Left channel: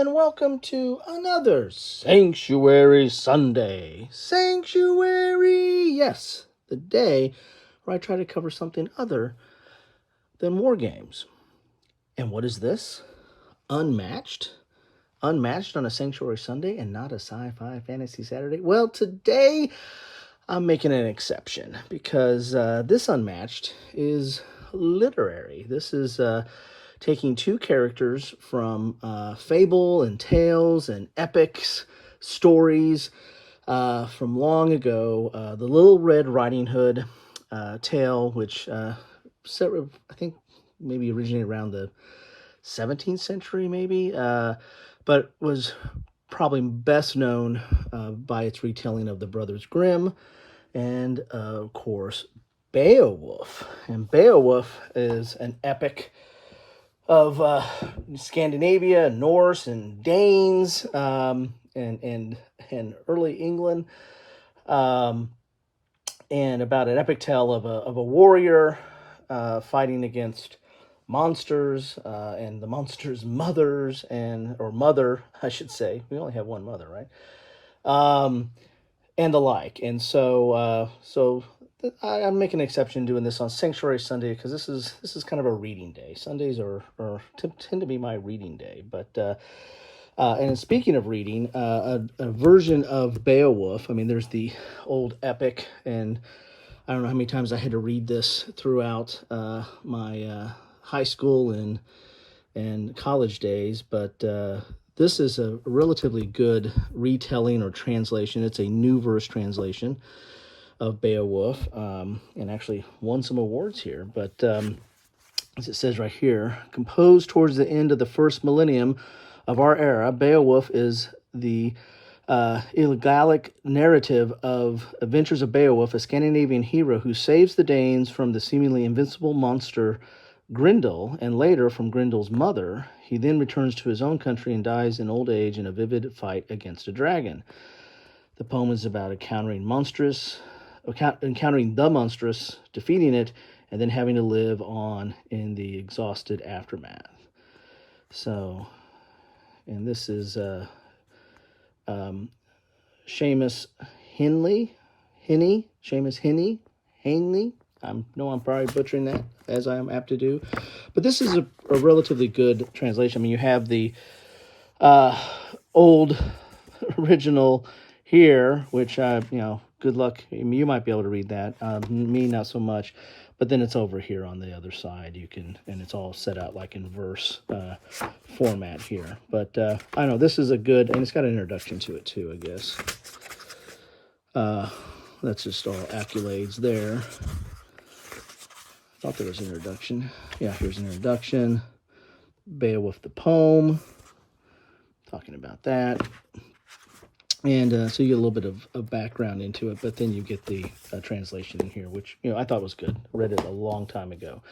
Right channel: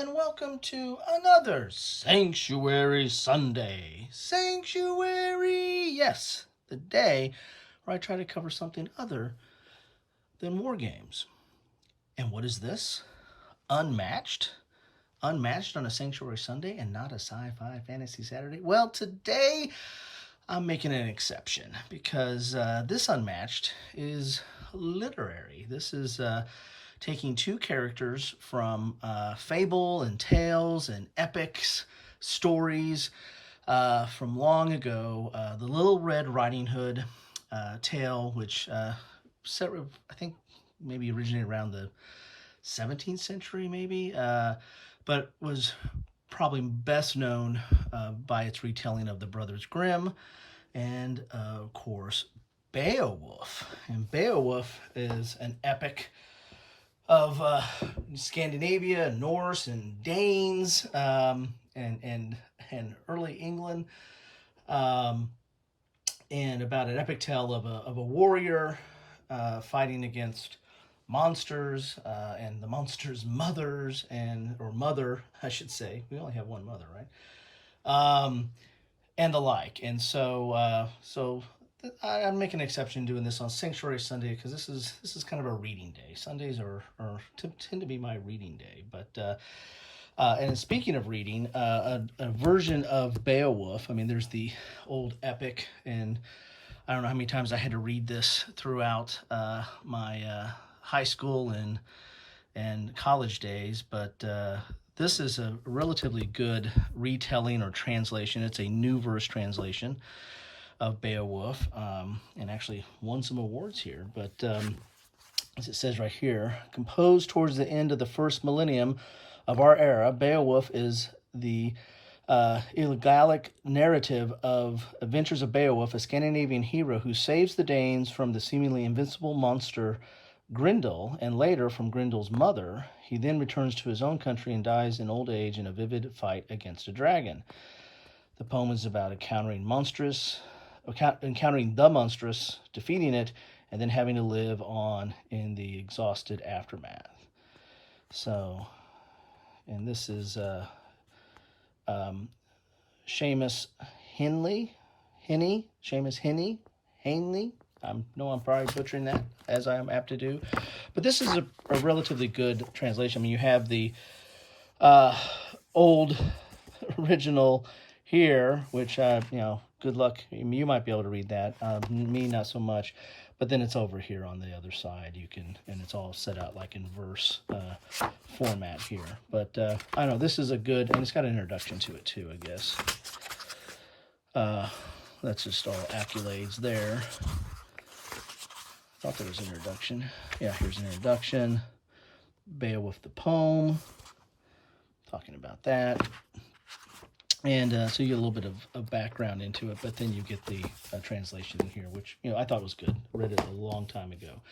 and welcome to another Sanctuary Sunday. Sanctuary, yes, the day where I try to cover something other than war games. And what is this? Unmatched? Unmatched on a Sanctuary Sunday and not a sci-fi fantasy Saturday? Well, today I'm making an exception because this Unmatched is literary. This is taking two characters from fable and tales and epics, stories from long ago. The Little Red Riding Hood tale, which set, I think maybe originated around the 17th century, maybe, but was probably best known by its retelling of the Brothers Grimm and, of course, Beowulf. And Beowulf is an epic of Scandinavia, Norse, and Danes, and early England, and about an epic tale of a warrior fighting against monsters and the monsters' mothers or mother, I should say. We only have one mother, right? And the like. And so I'm making an exception doing this on Sanctuary Sunday because this is kind of a reading day. Sundays tend to be my reading day. But and speaking of reading, a version of Beowulf. I mean, there's the old epic, and I don't know how many times I had to read this throughout my high school and college days, but this is a relatively good retelling or translation. It's a new verse translation of Beowulf, and actually won some awards here. But as it says right here, composed towards the end of the first millennium of our era, Beowulf is the elegiac narrative of Adventures of Beowulf, a Scandinavian hero who saves the Danes from the seemingly invincible monster Grendel, and later from Grendel's mother. He then returns to his own country and dies in old age in a vivid fight against a dragon. The poem is about encountering the monstrous, defeating it, and then having to live on in the exhausted aftermath. So, and this is Seamus Henley. I know I'm probably butchering that, as I am apt to do. But this is a relatively good translation. I mean, you have the old original here, which, good luck. I mean, you might be able to read that. Me, not so much. But then it's over here on the other side. And it's all set out like in verse format here. But I don't know, this is a good, and it's got an introduction to it too, I guess. That's just all accolades there. I thought there was an introduction. Yeah, here's an introduction. Beowulf the poem. Talking about that. And so you get a little bit of background into it, but then you get the translation in here, which, I thought was good. I read it a long time ago.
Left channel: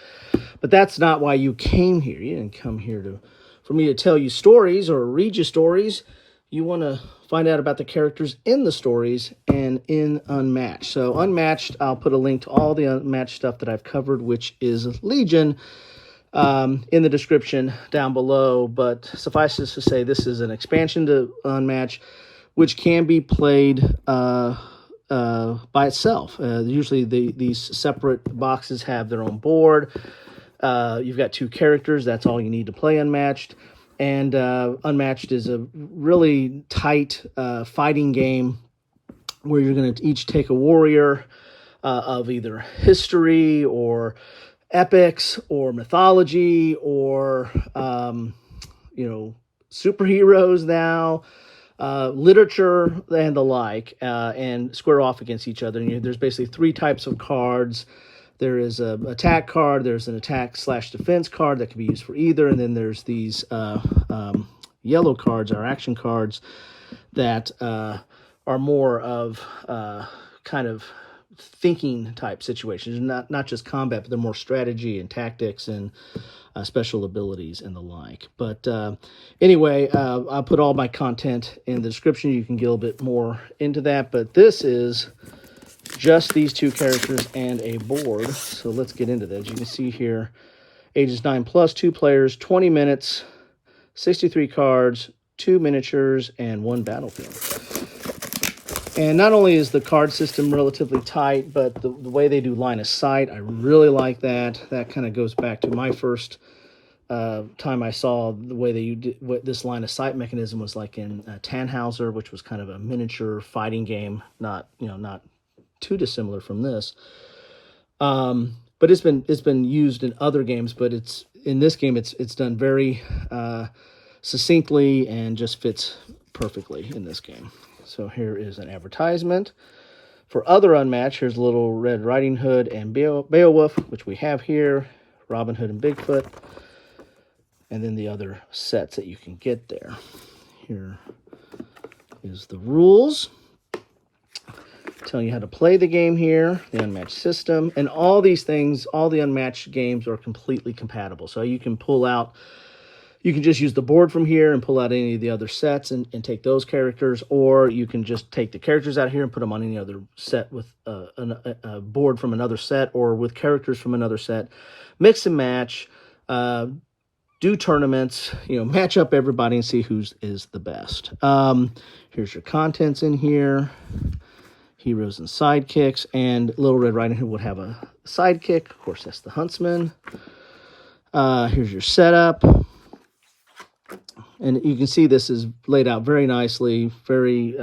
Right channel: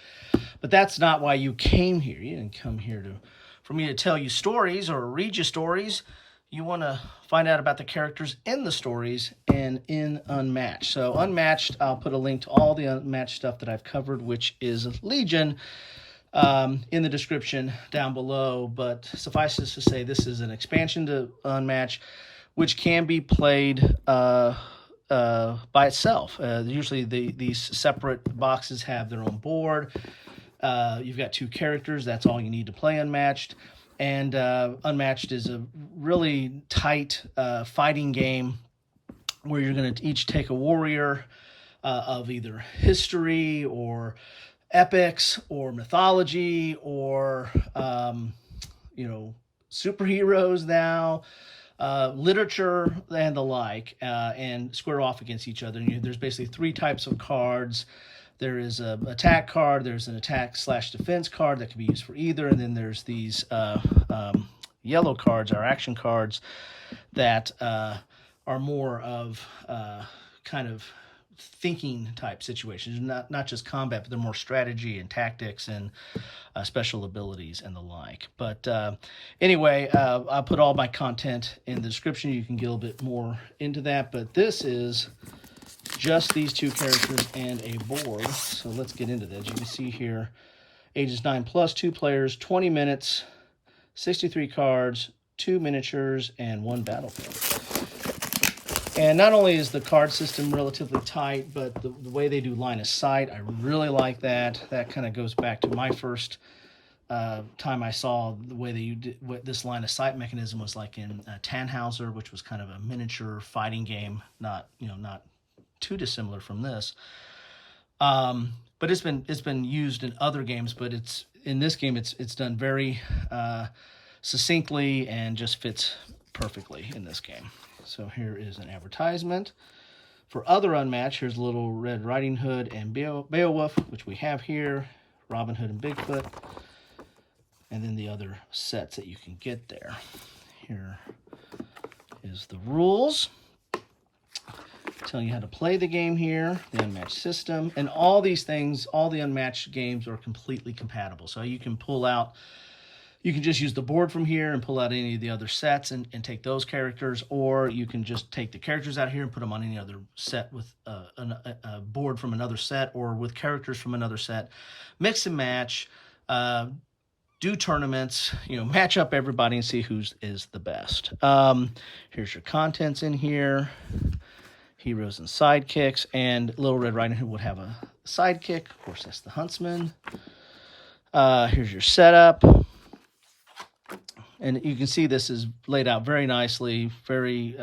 But that's not why you came here. You didn't come here for me to tell you stories or read you stories. You want to find out about the characters in the stories and in Unmatched. So Unmatched, I'll put a link to all the Unmatched stuff that I've covered, which is Legion, in the description down below. But suffice it to say, this is an expansion to Unmatched, which can be played by itself. Usually these separate boxes have their own board. You've got two characters. That's all you need to play Unmatched. And Unmatched is a really tight fighting game where you're going to each take a warrior of either history or epics or mythology or, superheroes now, literature and the like, and square off against each other. And there's basically three types of cards. There is an attack card, there's an attack/defense card that can be used for either, and then there's these yellow cards, our action cards, that are more of kind of thinking type situations, not just combat, but they're more strategy and tactics and special abilities and the like. But anyway, I'll put all my content in the description. You can get a little bit more into that, but this is just these two characters and a board. So let's get into that. As you can see here, ages 9+, 2 players, 20 minutes, 63 cards, 2 miniatures, and 1 battlefield. And not only is the card system relatively tight, but the way they do line of sight, I really like that. That kind of goes back to my first time I saw the way they did what this line of sight mechanism was like in Tannhauser, which was kind of a miniature fighting game, not too dissimilar from this. But it's been used in other games, but it's in this game it's done very succinctly and just fits perfectly in this game. So here is an advertisement for other Unmatched. Here's Little Red Riding Hood and Beowulf, which we have here, Robin Hood and Bigfoot, and then the other sets that you can get there. Here is the rules. Telling you how to play the game here, the Unmatched system, and all these things, all the Unmatched games are completely compatible. So you can pull out, you can just use the board from here and pull out any of the other sets and take those characters, or you can just take the characters out here and put them on any other set with a board from another set or with characters from another set. Mix and match, do tournaments, match up everybody and see who is the best. Here's your contents in here. Heroes and sidekicks, and Little Red Riding Hood would have a sidekick. Of course, that's the Huntsman. Here's your setup. And you can see this is laid out very nicely, very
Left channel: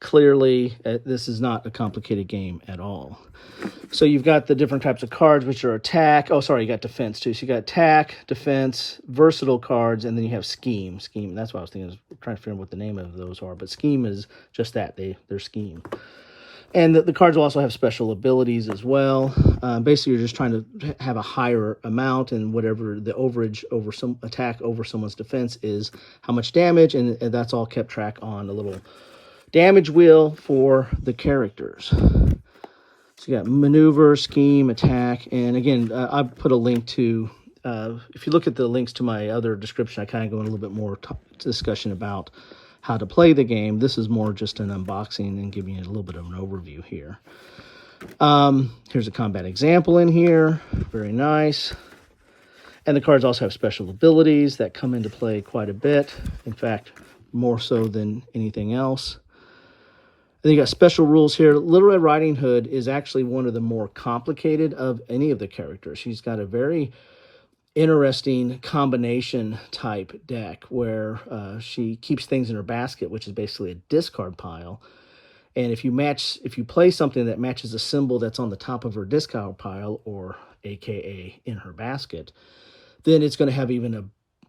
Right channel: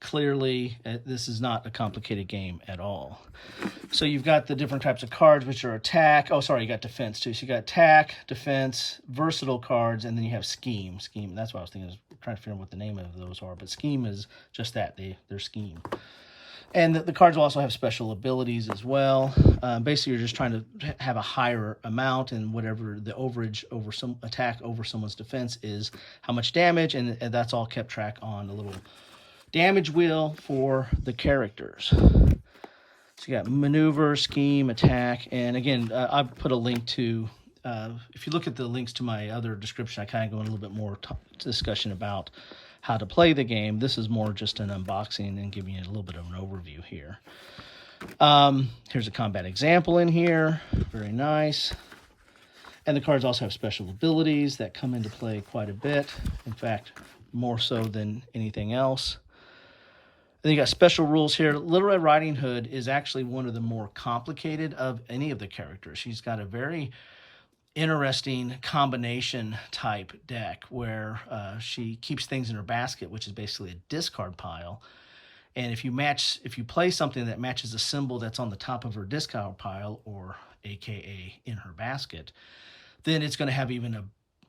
clearly. This is not a complicated game at all. So you've got the different types of cards, which are attack. Oh, sorry, you got defense too. So you got attack, defense, versatile cards, and then you have scheme. Scheme, that's what I was thinking. I was trying to figure out what the name of those are. But scheme is just that. They're scheme. And the cards will also have special abilities as well. Basically, you're just trying to have a higher amount, and whatever the overage over some attack over someone's defense is, how much damage, and that's all kept track on a little damage wheel for the characters. So you got maneuver, scheme, attack, and again, I put a link to, if you look at the links to my other description, I kind of go in a little bit more discussion about how to play the game. This is more just an unboxing and giving you a little bit of an overview here. Here's a combat example in here. Very nice. And the cards also have special abilities that come into play quite a bit. In fact, more so than anything else. And you got special rules here. Little Red Riding Hood is actually one of the more complicated of any of the characters. She's got a very interesting combination type deck where she keeps things in her basket, which is basically a discard pile. And if you play something that matches a symbol that's on the top of her discard pile, or AKA in her basket, then it's going to have even a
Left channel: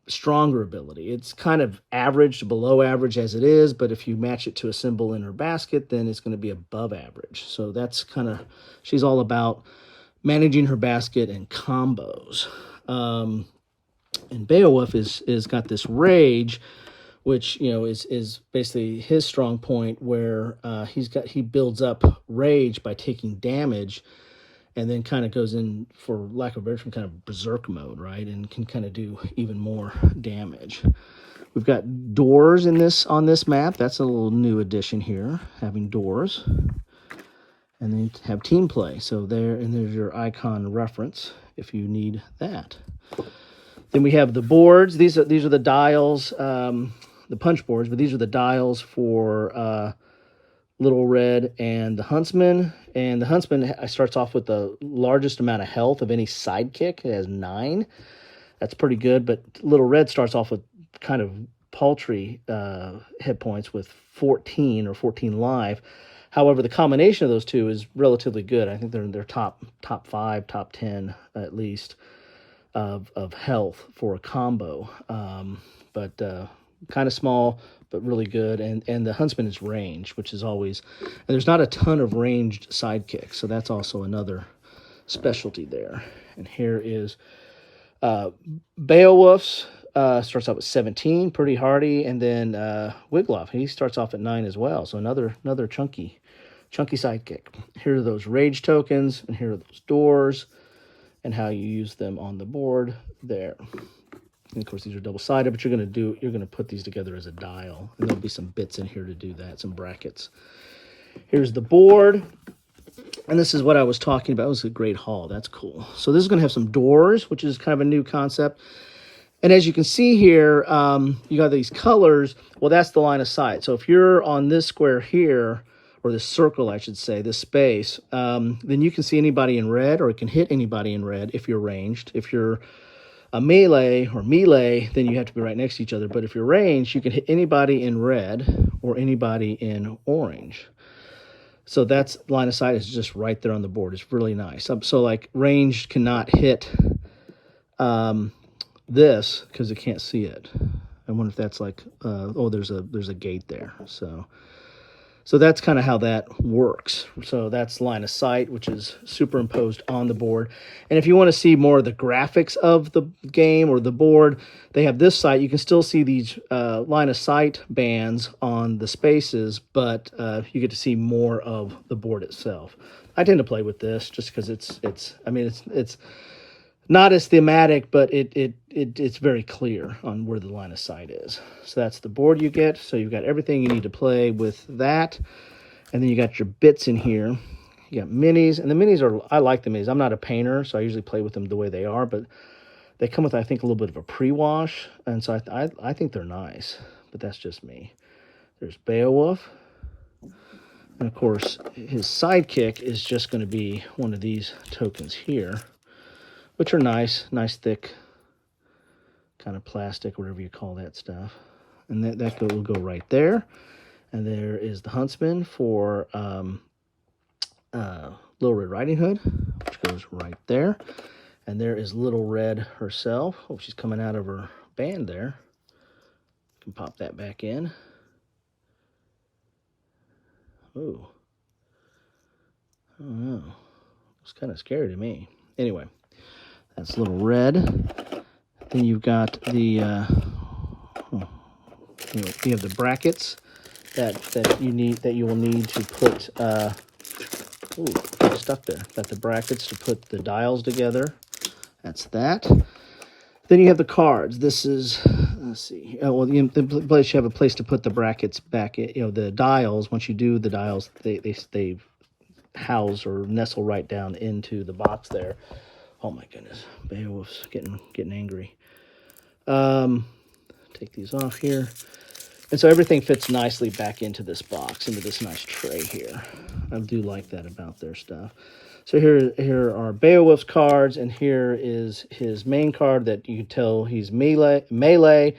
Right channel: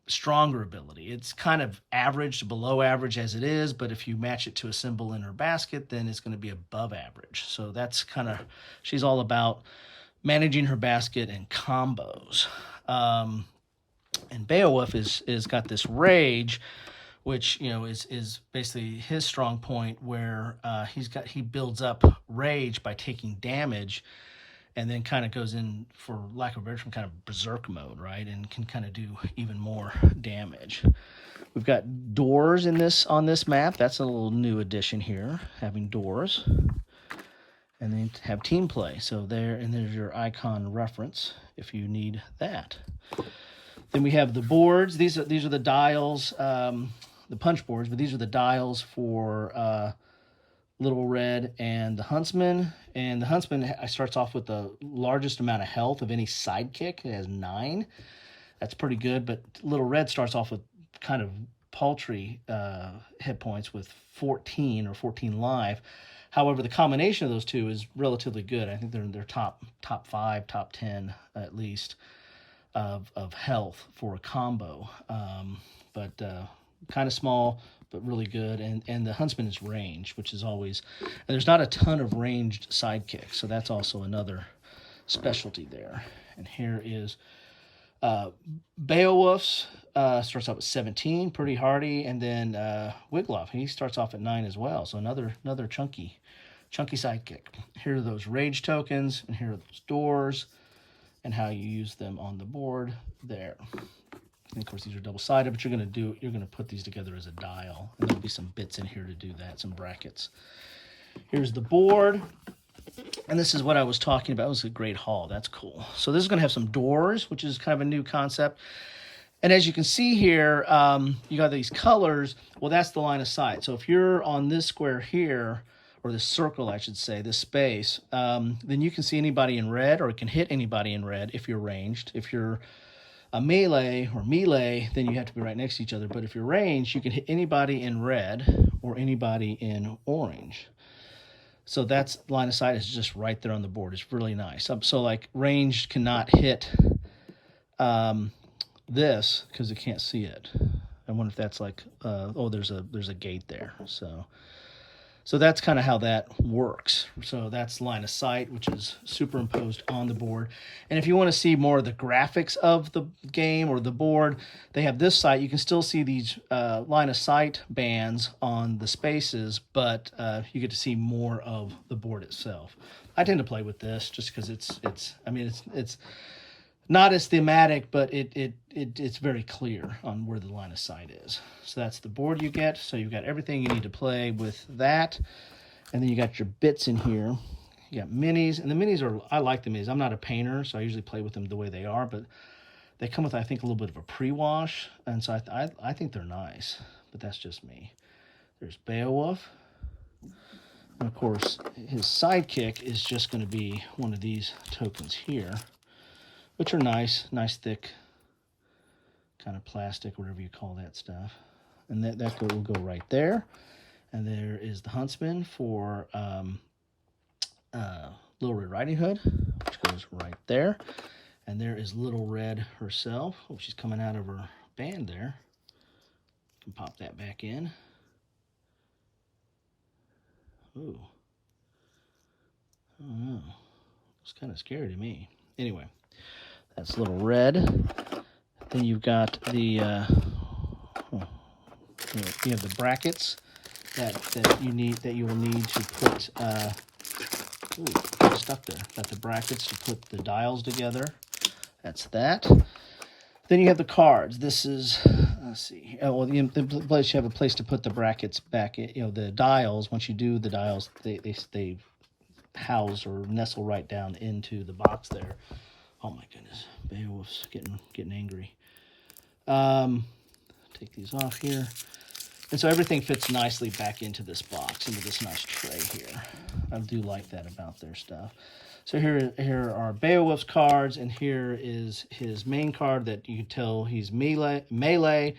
stronger ability. It's kind of average to below average as it is, but if you match it to a symbol in her basket, then it's going to be above average. So that's kind of, she's all about managing her basket and combos. And Beowulf is got this rage, which is basically his strong point, where he builds up rage by taking damage, and then kind of goes in, for lack of a better term, kind of berserk mode, right? And can kind of do even more damage. We've got doors on this map. That's a little new addition here, having doors. And then have team play. So there's your icon reference if you need that. Then we have the boards. These are the dials, the punch boards, but these are the dials for Little Red and the Huntsman. And the Huntsman starts off with the largest amount of health of any sidekick. It has 9. That's pretty good, but Little Red starts off with kind of paltry hit points with 14 or 14 life. However, the combination of those two is relatively good. I think they're in their top 5, top 10 at least of health for a combo. But kind of small, but really good. And the Huntsman is ranged, which is always, and there's not a ton of ranged sidekicks, so that's also another specialty there. And here is Beowulf's. Starts off at 17, pretty hardy, and then Wiglaf, he starts off at 9 as well. So another chunky sidekick. Here are those rage tokens, and here are those doors, and how you use them on the board there. And of course, these are double-sided, but you're gonna put these together as a dial, and there'll be some bits in here to do that, some brackets. Here's the board, and this is what I was talking about. It was a great haul. That's cool. So this is gonna have some doors, which is kind of a new concept. And as you can see here, you got these colors. Well, that's the line of sight. So if you're on this square here, or this circle, I should say, this space, then you can see anybody in red, or it can hit anybody in red if you're ranged. If you're a melee, then you have to be right next to each other. But if you're ranged, you can hit anybody in red or anybody in orange. So that's line of sight is just right there on the board. It's really nice. So like ranged cannot hit this because it can't see it. I wonder if that's like oh, there's a gate there. So that's kind of how that works. So that's line of sight, which is superimposed on the board. And if you want to see more of the graphics of the game or the board, they have this site. You can still see these line of sight bands on the spaces, but you get to see more of the board itself. I tend to play with this just because it's not as thematic, but it's very clear on where the line of sight is. So that's the board you get. So you've got everything you need to play with that. And then you got your bits in here. You got minis. And the minis I like the minis. I'm not a painter, so I usually play with them the way they are. But they come with, I think, a little bit of a pre-wash. And so I think they're nice. But that's just me. There's Beowulf. And, of course, his sidekick is just going to be one of these tokens here, which are nice thick kind of plastic, whatever you call that stuff. And that will go right there. And there is the huntsman for Little Red Riding Hood, which goes right there. And there is Little Red herself. Oh, she's coming out of her band there. You can pop that back in. Ooh. I don't know. It's kind of scary to me. Anyway. That's Little Red. Then you've got the you have the brackets that you will need to put. Ooh, stuck there. Got the brackets to put the dials together. That's that. Then you have the cards. This is, let's see. Well, the place you have a place to put the brackets back. The dials. Once you do the dials, they house or nestle right down into the box there. Oh my goodness, Beowulf's getting angry. Take these off here. And so everything fits nicely back into this box, into this nice tray here. I do like that about their stuff. So here are Beowulf's cards, and here is his main card that you can tell he's melee,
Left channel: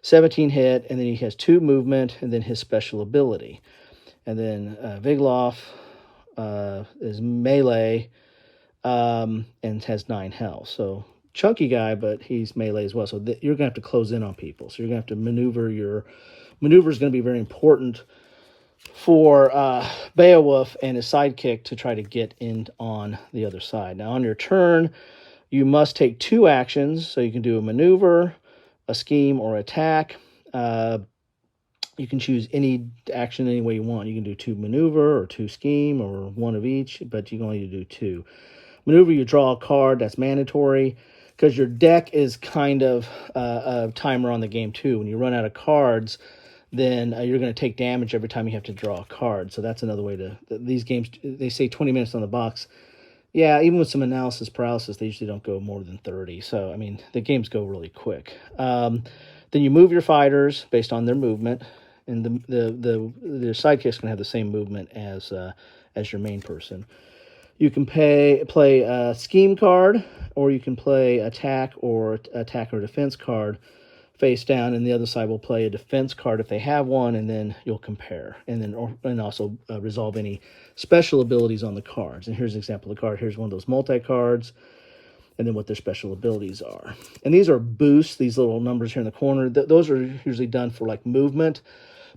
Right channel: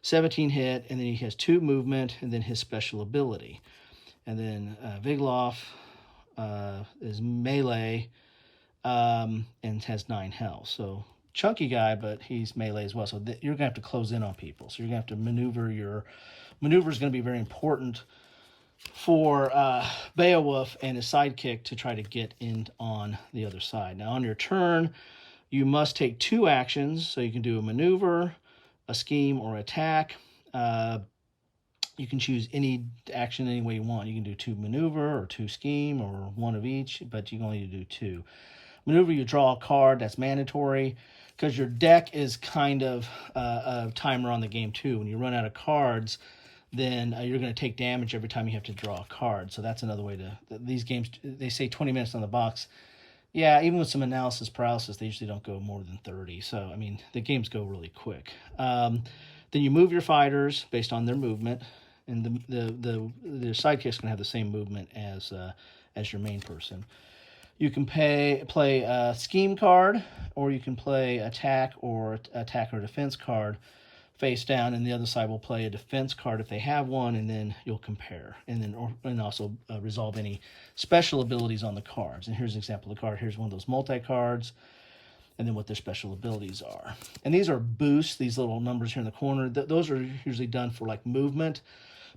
17 hit, and then he has 2 movement, and then his special ability. And then Beowulf is melee, and has 9 health. So chunky guy, but he's melee as well. So you're gonna have to close in on people. So you're gonna have to maneuver. Your maneuver is gonna be very important for Beowulf and his sidekick to try to get in on the other side. Now on your turn, you must take 2 actions. So you can do a maneuver, a scheme, or attack. You can choose any action any way you want. You can do 2 maneuver or 2 scheme or 1 of each, but you can only do 2. Maneuver, you draw a card. That's mandatory because your deck is kind of a timer on the game too. When you run out of cards, then you're going to take damage every time you have to draw a card. So that's another way to... These games, they say 20 minutes on the box. Yeah, even with some analysis paralysis, they usually don't go more than 30. So, I mean, the games go really quick. Then you move your fighters based on their movement. And the sidekick's going to have the same movement as your main person. You can play a scheme card, or you can play attack or defense card face down, and the other side will play a defense card if they have one, and then you'll compare, and also resolve any special abilities on the cards. And here's an example of the card. Here's one of those multi-cards, and then what their special abilities are. And these are boosts, these little numbers here in the corner. Those are usually done for like movement.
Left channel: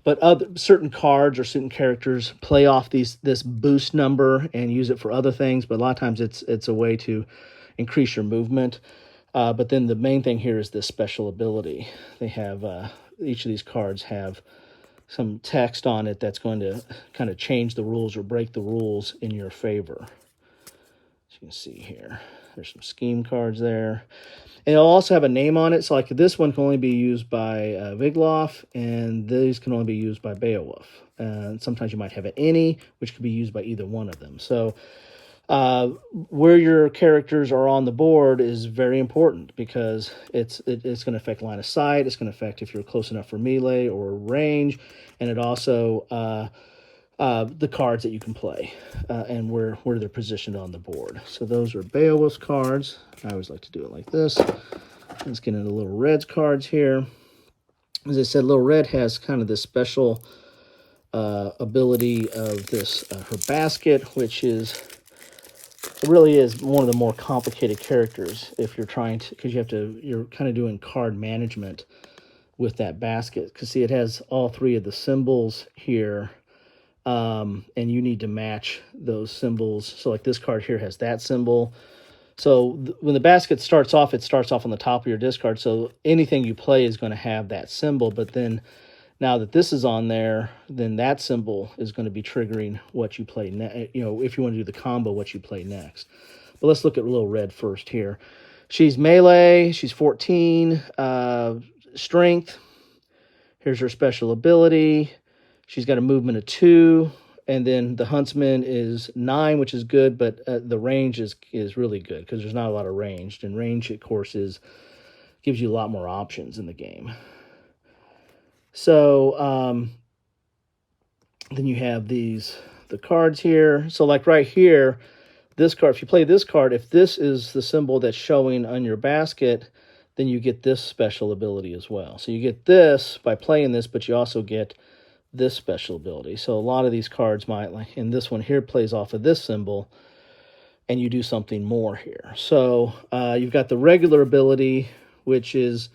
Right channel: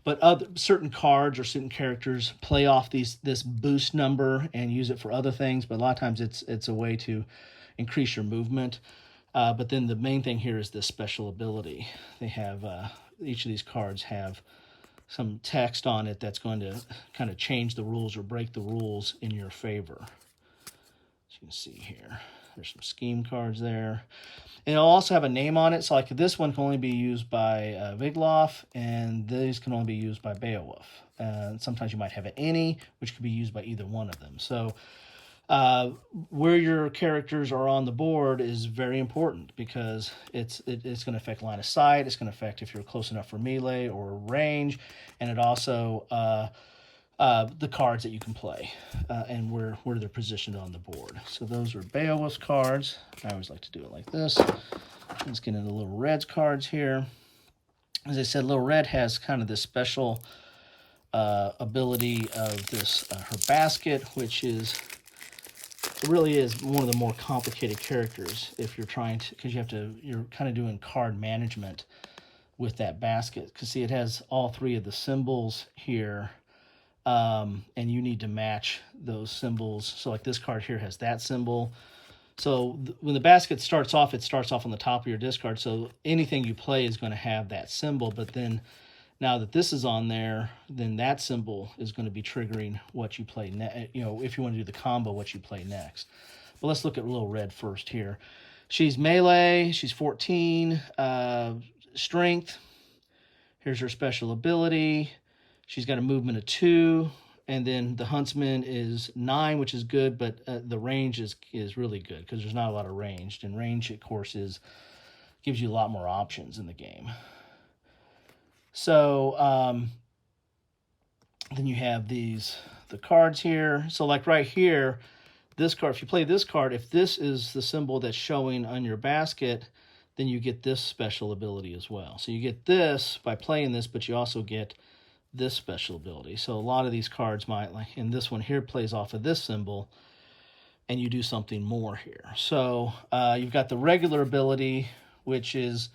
But certain cards or certain characters play off this boost number and use it for other things. But a lot of times it's a way to increase your movement. But then the main thing here is this special ability. They have each of these cards have some text on it that's going to kind of change the rules or break the rules in your favor. As you can see here, there's some scheme cards there. And it'll also have a name on it. So like this one can only be used by Beowulf, and these can only be used by Beowulf. Sometimes you might have an any, which could be used by either one of them. So Where your characters are on the board is very important because it's going to affect line of sight. It's going to affect if you're close enough for melee or range, and it also the cards that you can play and where they're positioned on the board. So those are Beowulf's cards. I always like to do it like this. Let's get into the Little Red's cards here. As I said, Little Red has kind of this special ability of this her basket, which is really is one of the more complicated characters if you're trying to, because you're kind of doing card management with that basket. Because see, it has all three of the symbols here, and you need to match those symbols. So like this card here has that symbol. So when the basket starts off, it starts off on the top of your discard. So anything you play is going to have that symbol. But then now that this is on there, then that symbol is going to be triggering what you play next. You know, if you want to do the combo, what you play next. But let's look at Little Red first here. She's melee. She's 14. Strength. Here's her special ability. She's got a movement of 2. And then the Huntsman is 9, which is good, but the range is really good because there's not a lot of range. And range, of course, gives you a lot more options in the game. So then you have the cards here. So like right here, this card, if you play this card, if this is the symbol that's showing on your basket, then you get this special ability as well. So you get this by playing this, but you also get this special ability. So a lot of these cards might, like in this one here, plays off of this symbol, and you do something more here. So you've got the regular ability, which is,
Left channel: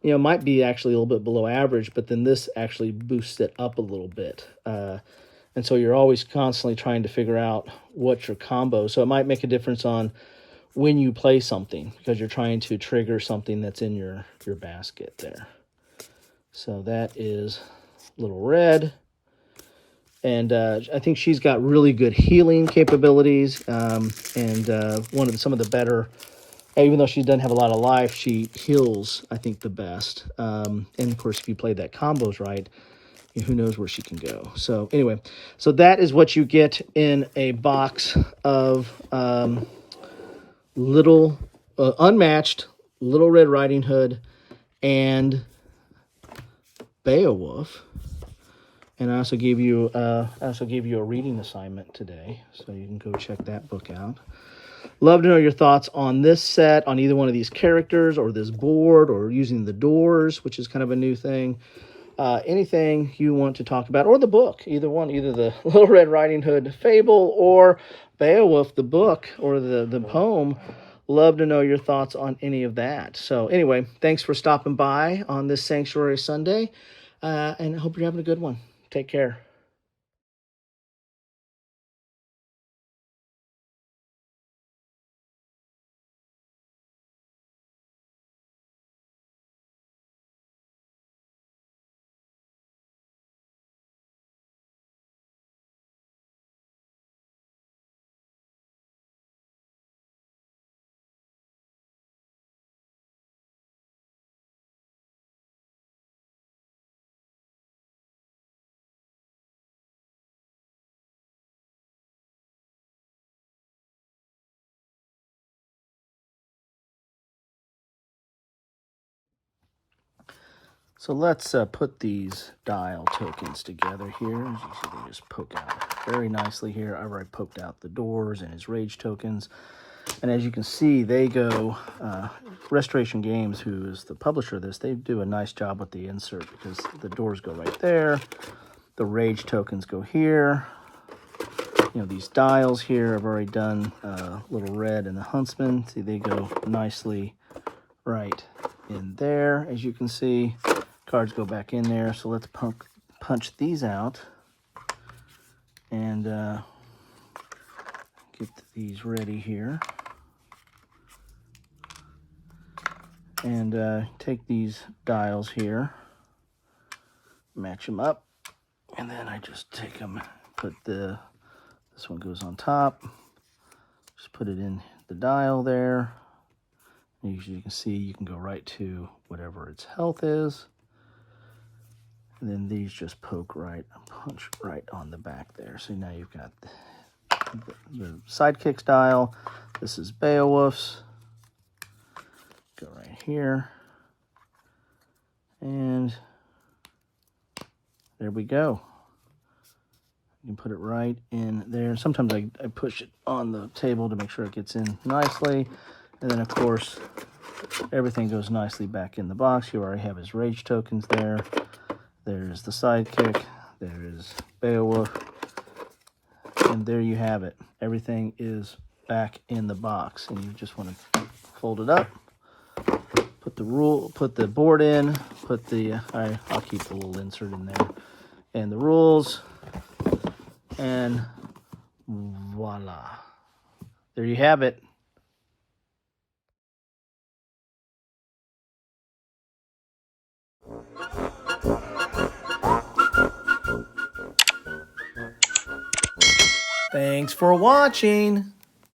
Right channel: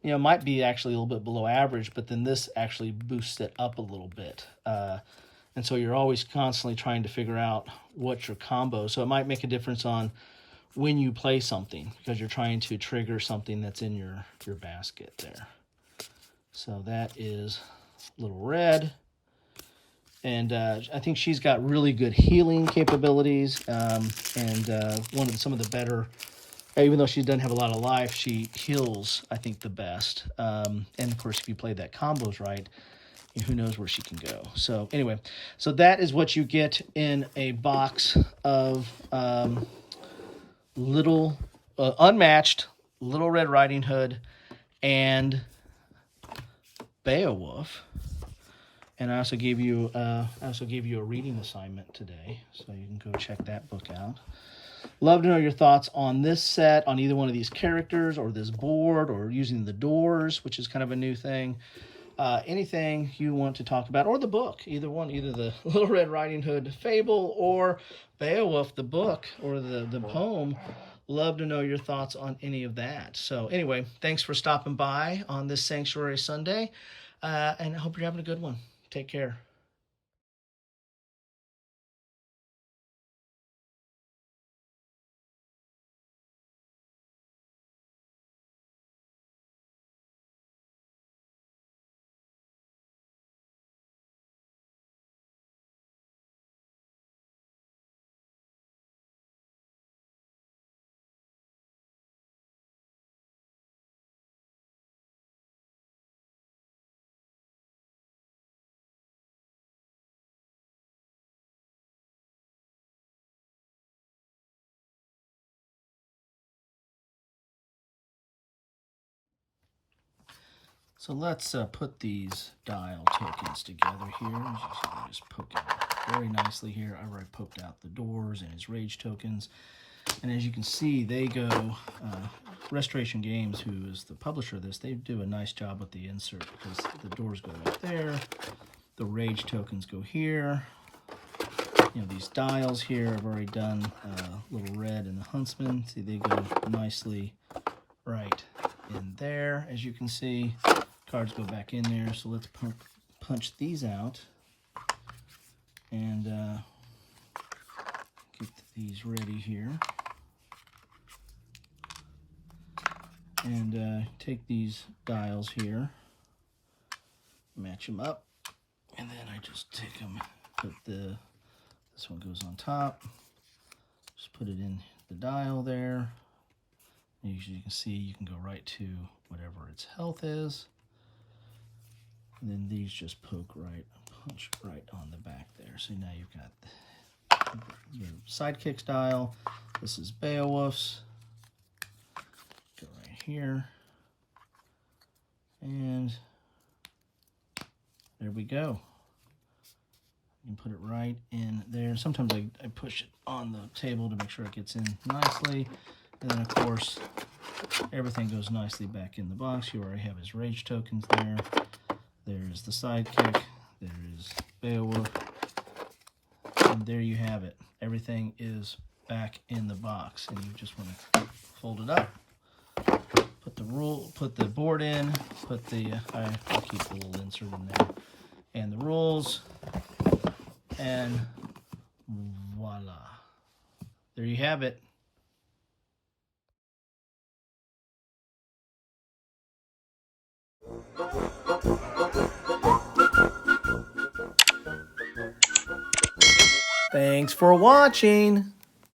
you know, might be actually a little bit below average, but then this actually boosts it up a little bit. And so you're always constantly trying to figure out what's your combo. So it might make a difference on when you play something because you're trying to trigger something that's in your basket there. So that is Little Red. And I think she's got really good healing capabilities. And some of the better, even though she doesn't have a lot of life, she heals, I think, the best. And of course, if you play that combos right, who knows where she can go. So anyway, so that is what you get in a box of Unmatched, Little Red Riding Hood, and Beowulf. And I also gave you a reading assignment today, so you can go check that book out. Love to know your thoughts on this set, on either one of these characters, or this board, or using the doors, which is kind of a new thing. Anything you want to talk about, or the book, either one, either the Little Red Riding Hood fable or Beowulf, the book, or the poem. Love to know your thoughts on any of that. So anyway, thanks for stopping by on this Sanctuary Sunday, and I hope you're having a good one. Take care. So let's put these dial tokens together here. As you see, they just poke out very nicely here. I've already poked out the doors and his rage tokens. And as you can see, they go, Restoration Games, who is the publisher of this, they do a nice job with the insert because the doors go right there. The rage tokens go here. You know, these dials here, I've already done Little Red and the Huntsman. See, they go nicely right in there, as you can see. Cards go back in there, so let's punch these out and get these ready here. And take these dials here, match them up, and then I just take them, this one goes on top, just put it in the dial there. As you can see, you can go right to whatever its health is. And then these just poke right, punch right on the back there. So now you've got Sidekick style. This is Beowulf's. Go right here. And there we go. You can put it right in there. Sometimes I push it on the table to make sure it gets in nicely. And then, of course, everything goes nicely back in the box. You already have his rage tokens there. There's the sidekick. There's Beowulf. And there you have it. Everything is back in the box. And you just want to fold it up. Put the board in. I'll keep the little insert in there. And the rules. And voila. There you have it. Thanks for watching.